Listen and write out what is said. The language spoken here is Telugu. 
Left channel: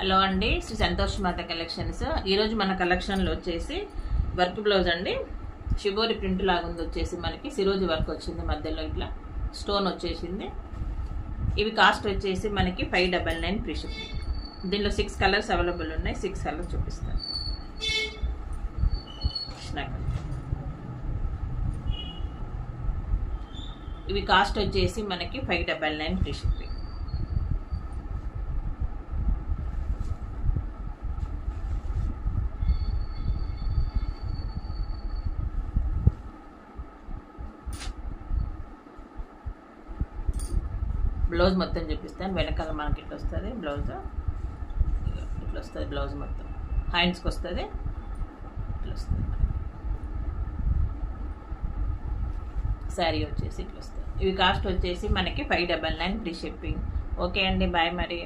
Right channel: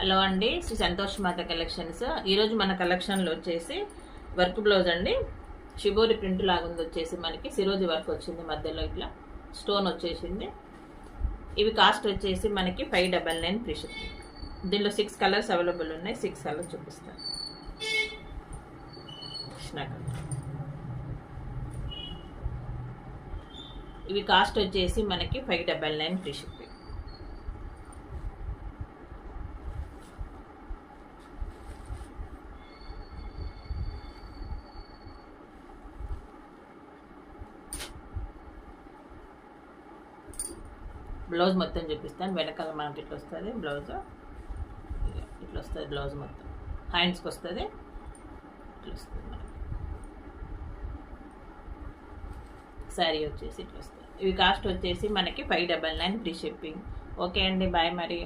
హలో అండి, శ్రీ సంతోష్ మాత కలెక్షన్స్. ఈరోజు మన కలెక్షన్లో వచ్చేసి వర్క్ బ్లౌజ్ అండి. షిబోరి ప్రింట్ లాగా ఉంది, వచ్చేసి మనకి సిరోజీ వర్క్ వచ్చింది, మధ్యలో ఇట్లా స్టోన్ వచ్చేసింది. ఇవి కాస్ట్ వచ్చేసి మనకి 599 ఫ్రీ షిప్పింగ్. దీనిలో 6 కలర్స్ అవైలబుల్ ఉన్నాయి. 6 కలర్స్ చూపిస్తాను. కృష్ణా కలర్. ఇవి కాస్ట్ వచ్చేసి మనకి 599 ఫ్రీ షిప్పింగ్. బ్లౌజ్ మొత్తం చూపిస్తాను. వెనకాల మనకి ఇట్లా వస్తుంది బ్లౌజ్, ఇట్లా వస్తుంది బ్లౌజ్ మొత్తం. హ్యాండ్స్కి వస్తుంది, ఇట్లా వస్తుంది. మనకి శారీ వచ్చేసి ఇట్లా వస్తుంది. ఇవి కాస్ట్ వచ్చేసి మనకి 599 ఫ్రీ షిప్పింగ్. ఓకే అండి, బాయ్ మరి.